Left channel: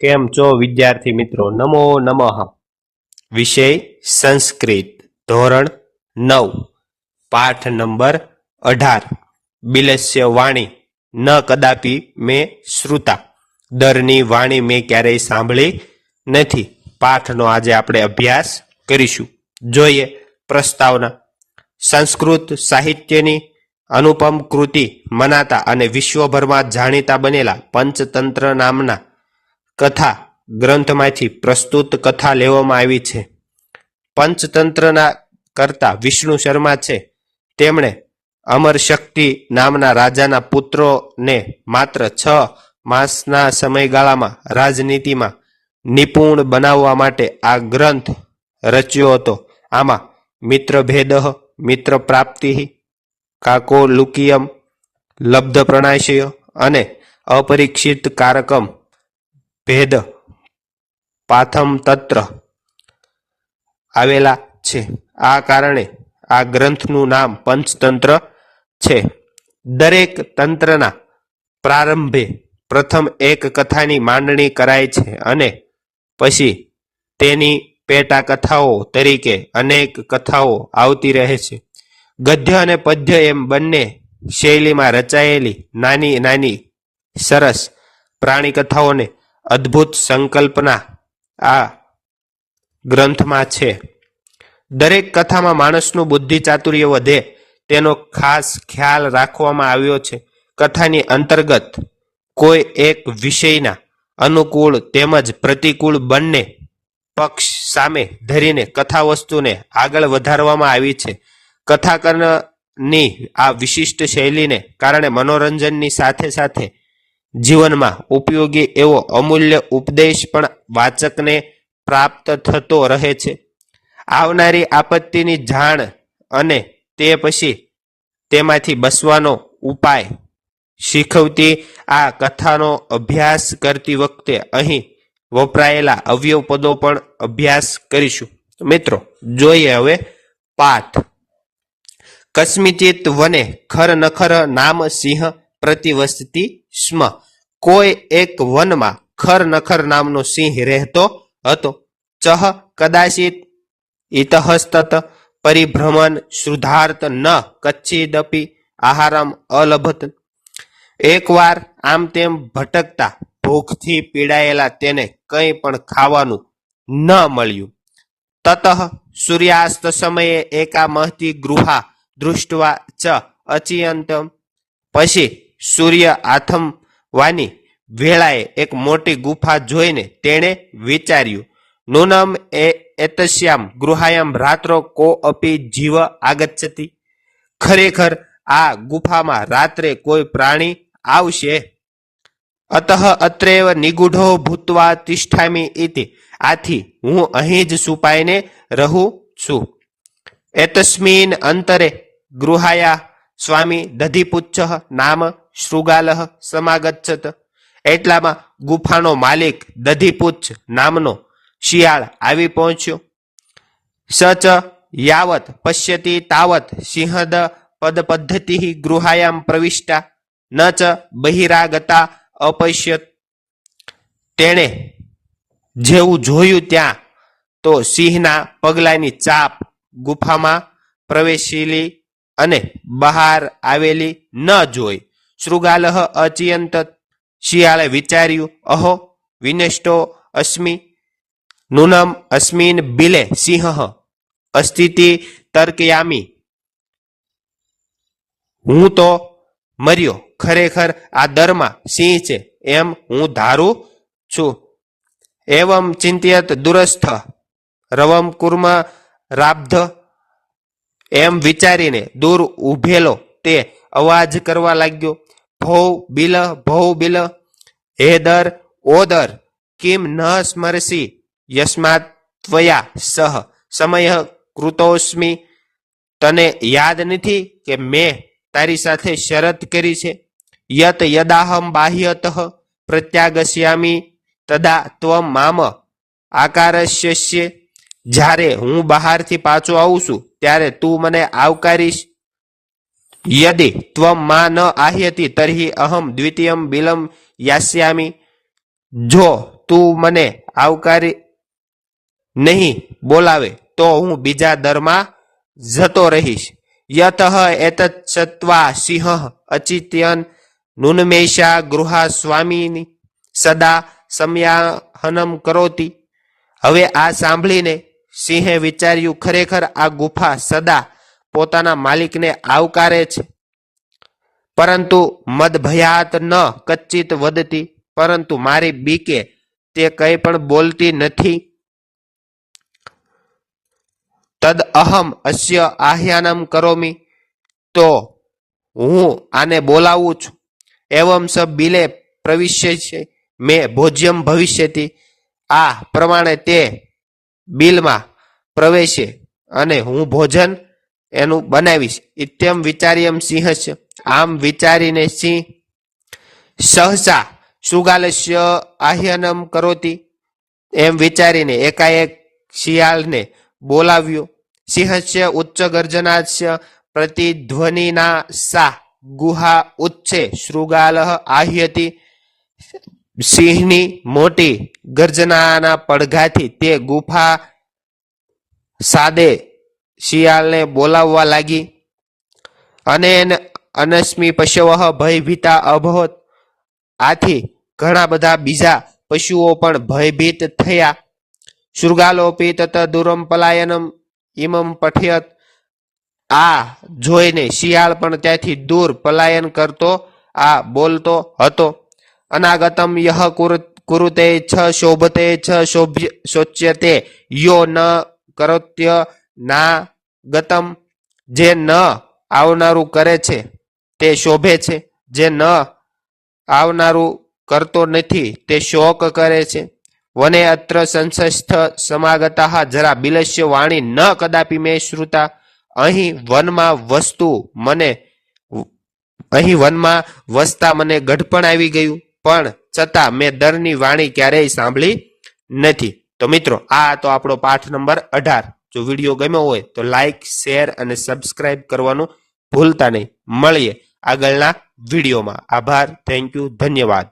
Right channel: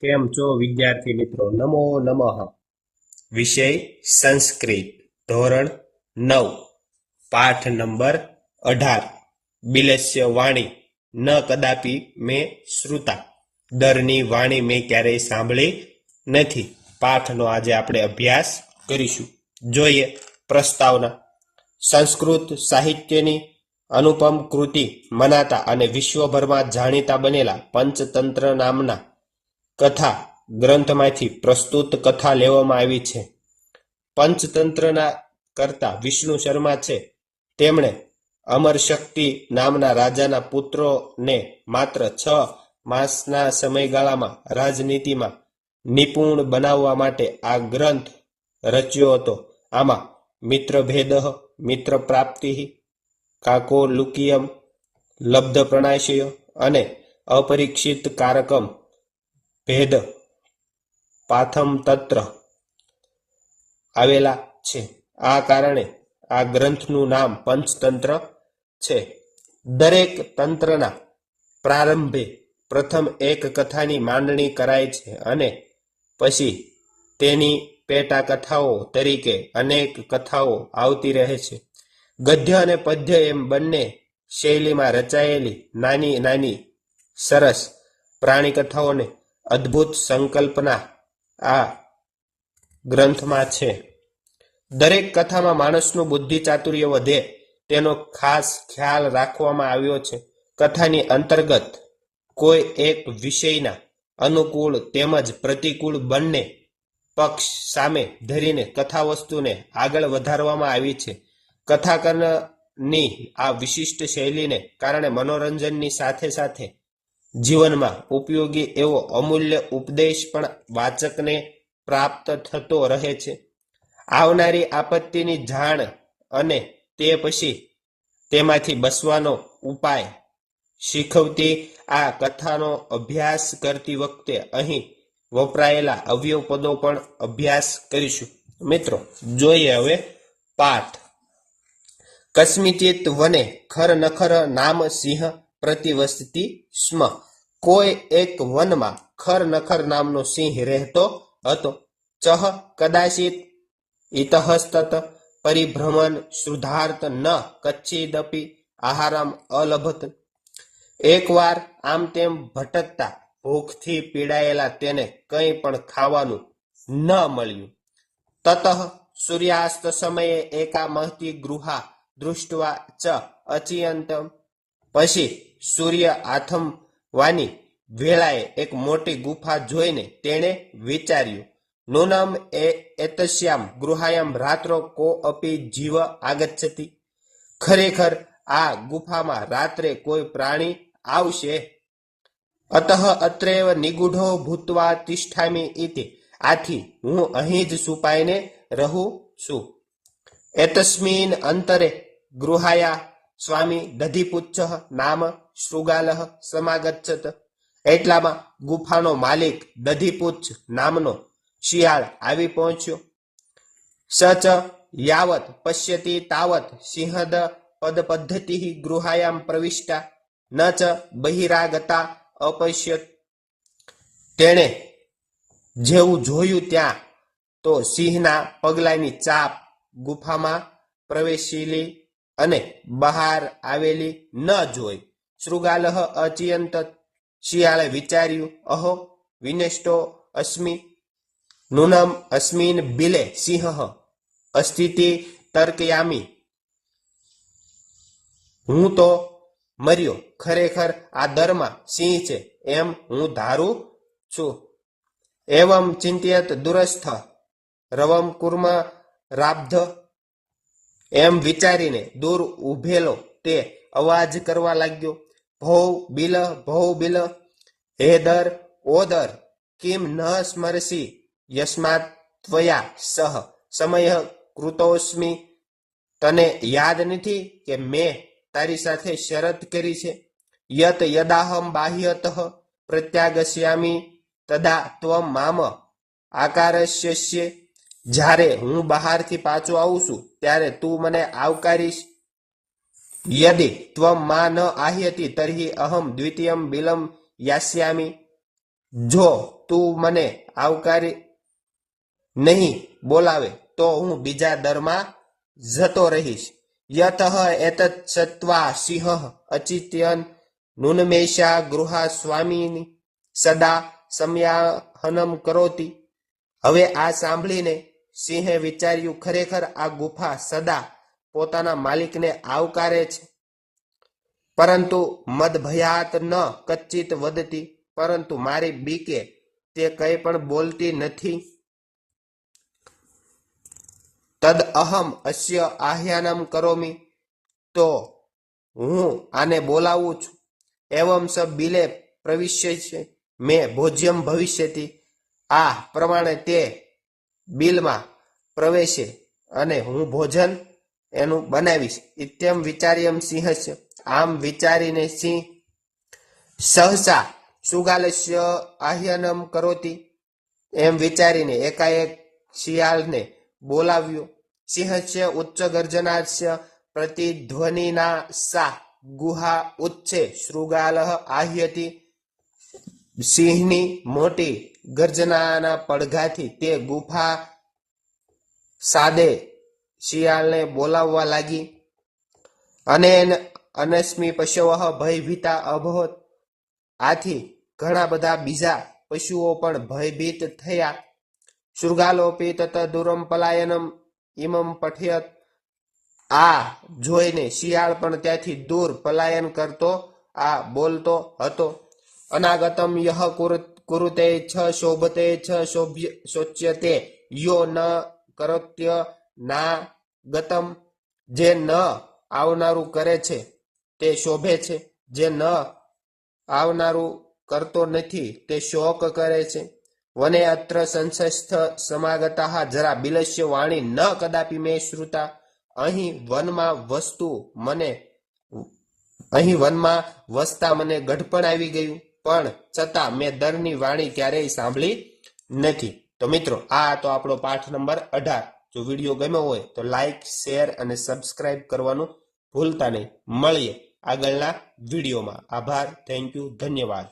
કેમ છો વિદ્યાર્થી મિત્રો? નમો નમઃ. વિષય સંસ્કૃત, ધોરણ નવ. પાઠ નંબર અઢાર. બિલસ્ય વાણી. ન કદાપી મેં શ્રુતા. દરની વાણી મેં ક્યારેય સાંભળી નથી. પાઠનો આજે આપણે અભ્યાસ કરીશું. જોઈએ પ્રસ્તાવના. સંસ્કૃત સાહિત્યની અનુપમ કૃતિ મનાતા અને વિશ્વભરમાં જાણીતા બનેલા પંચતંત્ર નામના કથા ગ્રંથમાંથી પ્રસ્તુત કથા લેવામાં આવી છે. પંચતંત્રના કરતા વિષ્ણુ શર્મા છે. તેમણે અમર શક્તિ નામના રાજાના પુત્રોને માત્ર છ માસના સમયગાળામાં રાજનીતિમાં નિપુણ બનાવવા માટે આ ગ્રંથ રચ્યો હતો. આમાં મિત્રભેદ મિત્ર પ્રાપ્તિ કાકોલુકિયમ લબ્ધ પ્રણાશય અને અપરીક્ષિત કારકમ ભેદ પાથમ તત્ર આવેલા છે. આ કારણે આ ગ્રંથનું નામ પંચતંત્ર છે. દરેક તંત્રના પ્રારંભે પ્રથમ એક કથાની માંડણી કરાય છે અને પછી તેની પેટા કથાઓ તરીકે અનેક કથાઓ આવતી રહે છે. ગદ્ય અને પદ્ય એમ બંને શૈલીમાં રચાયેલી નાની નાની સરસ પ્રાણી કથાઓને અદ્ભુત સંકલ્પના આ ગ્રંથમાં છે. દરેક કથામાં માણસનું બુદ્ધિ ચાતુર્ય વધે તેનો ખાસ ખ્યાલ રાખવામાં આવ્યો છે. કથાની અંતર્ગત કોઈ એક વિષયના અનુકૂળ તેમજ પ્રતિકૂળ બંને પક્ષ સામે ધરીને કથા વસ્તુને આગળ વધારવામાં આવી છે. કથાકરની આ વિશિષ્ટ શૈલીને કારણે મનોરંજનની સાથે સાથે જીવનમાં ઉપયોગી એવો અમૂલ્ય ઉપદેશ પણ વાચકને પ્રાપ્ત થતો રહે છે. આવનારી આપત્તિની જાણ અને તે પછી તેમાંથી બસવાનો ઉપાય શીખવતી આ કથાનો અભ્યાસ કરતી વખતે અહીં વપરાયેલા અવયવ પદો પણ અભ્યાસ કરીશું. મિત્રો, જોઈએ હવે પાઠ. કસ્મિચિત વને ખર નખર નામ સિંહ પ્રતિવસતી સ્મ. કોઈ એક વનમાં ખર નખર નામનો સિંહ રહેતો હતો. ચહ કદાચિત ઇતહસ્તત પરિભ્રમણ શુદ્ધાર્થ ન કચ્છિદપી આહારમ અલભત. એકવાર આમ તેમ ભટકતા ભૂખથી પીડાયેલા તેને કંઈ પણ ખાવાનું ન મળ્યું. તતઃ સૂર્યાસ્ત સમયે એકા મહતી ગૃહા દૃષ્ટવા ચ અચિયંતમ. પછી સૂર્ય આથમવાની વેળાએ એક મોટી ગુફા જોઈને તેણે વિચાર્યું નૂનમ એ એતસ્યામ ગૃહાયામ રાત્રો કો અપી જીવ આગચ્છતી? ખરેખર આ ગુફામાં રાત્રે કોઈ પ્રાણી આવશે? અતઃ અત્રેવ નિગૂઢો ભૂતવા તિષ્ઠામી ઇતિ. આથી હું અહીં જ સુપાઈને રહું છું. એતસ્મિન અંતરે ગૃહાયા સ્વામી દધિપુચ્છ નામ શૃગાલ સમાગચ્છત. એટલામાં ગુફાનો માલિક દધિપુચ્છ નામનો શિયાળ આવી પહોંચ્યો. સચ યાવત પશ્યતિ તાવત સિંહદ પદ પદ્ધતિ ગૃહાયામ પ્રવિષ્ટા. ન ચ બહિરાગતા અપશ્યત. તેણે જેવું જોયું ત્યાં, તો સિંહના પગલાની ચાપ ગુફામાં પ્રવેશેલી અને બહાર આવેલી ન જોઈ. શૃગાલહ અચિયંત શિયાળે વિચાર્યું, અહો, વિનષ્ટો અસ્મિ નૂનમ અસ્મિન બિલે સિંહ અસ્થિતિ તર્કયામી. હું તો મર્યો, ખરેખર આ દરમાં સિંહ છે, એમ હું ધારું છું. એવમ ચિંતિયત દુરસ્થ, રવમ કુર્મ રાબ્ધ. એમ વિચારીને દૂર ઉભેલો તે અવાજ કરવા લાગ્યો ભૌ બિલ ભૌ બિલ હે દર ઓ દર કિમ ન સ્મરસી યસ્માત ત્વયા સહ, સમય કૃતોસ્મી. તને યાદ નથી કે મેં તારી સાથે શરત કરી છે? યત યદાહમ બાહ્યત પ્રત્યાગસ્યામી, તદા ત્વ મામ આકારસ્ય જ્યારે હું બહારથી પાછો આવું છું, ત્યારે તું મને આવકારીશ. યદિ ત્વમ મા ન આહ્યતિ તર્હિ અહમ દ્વિતીયમ બિલમ યાસ્યામી જો તું મને આવકારી નહીં બોલાવે તો હું બીજા દરમાં જતો રહીશ યતઃ એત સત્વા સિંહ અચિત્યન નુન્મેષા ગૃહા સ્વામીની સદા સમયાહનમ કરોતી હવે આ સાંભળીને સિંહે વિચાર્યું ખરેખર આ ગુફા સદા પોતાના માલિકને આવકારે છે. પરંતુ મદ ભયાત ન કચ્ચિત વદતી પરંતુ મારી બીકે તે કંઈ પણ બોલતી નથી. તદ અહમ અસ્ય આહ્યાનમ કરોમી. તો હું આને બોલાવું છું. એવમ સ બિલે પ્રવિશ્ય છે. મેં ભોજ્યમ ભવિષ્યથી આ પ્રમાણે તે બિલમાં પ્રવેશે અને હું ભોજન એનું બનાવીશ. ઇત્યમ વિચાર્યમ સિંહ આમ વિચારીને સિંહ સહસા સુગાલસ્ય આહ્યનમ કરોતી. એમ વિચારીને એકાએક શિયાળને બોલાવ્યો. સિંહસ્ય ઉચ્ચ ગર્જનાસ્ય પ્રતિધ્વનિના સા ગુહા ઉચ્છે શૃગાલ આહ્યતી. સિંહની મોટી ગર્જનાના પડઘાથી તે ગુફા સાદે શિયાળને બોલાવવા લાગી. અને અનસ્મી પશવ ભયભીતા અભવત આથી ઘણા બધા બીજા પશુઓ પણ ભયભીત થયા. શૃગાલોપી તત દુરમ પલાયનમ ઇમમ પઠયત. આ જોઈને શિયાળ પણ ત્યાંથી દૂર પલાયન કરતો, આ બોલતો હતો. અનાગતમ યહ કુરુ- કુરુતે છ શોભતે, છ શોભ્ય, શોચ્યતે યો ન કરોત્ય ના ગતમ જે ન આવનારું કરે છે, તે શોભે છે. જે ન આવનારું કરતો નથી, તે શોક કરે છે. વને અત્ર સંસસ્થ સમાગતા જરા બિલસ્ય વાણી ન કદાપી મેં શ્રુતા. અહીં વનમાં વસ્તુ મને, અહીં વનમાં વસતા મને ગઢપણ આવી ગયું, પણ છતાં મેં દરની વાણી ક્યારેય સાંભળી નથી. તો મિત્રો, આ તો આપણો પાઠ નંબર અઢાર. જો વીડિયો ગમ્યો હોય તો લાઇક શેર અને સબસ્ક્રાઇબ કરવાનું ભૂલતા નહીં. મળીએ આગળના વિડીયોમાં. આભાર થેન્ક યુ ધન્યવાદ.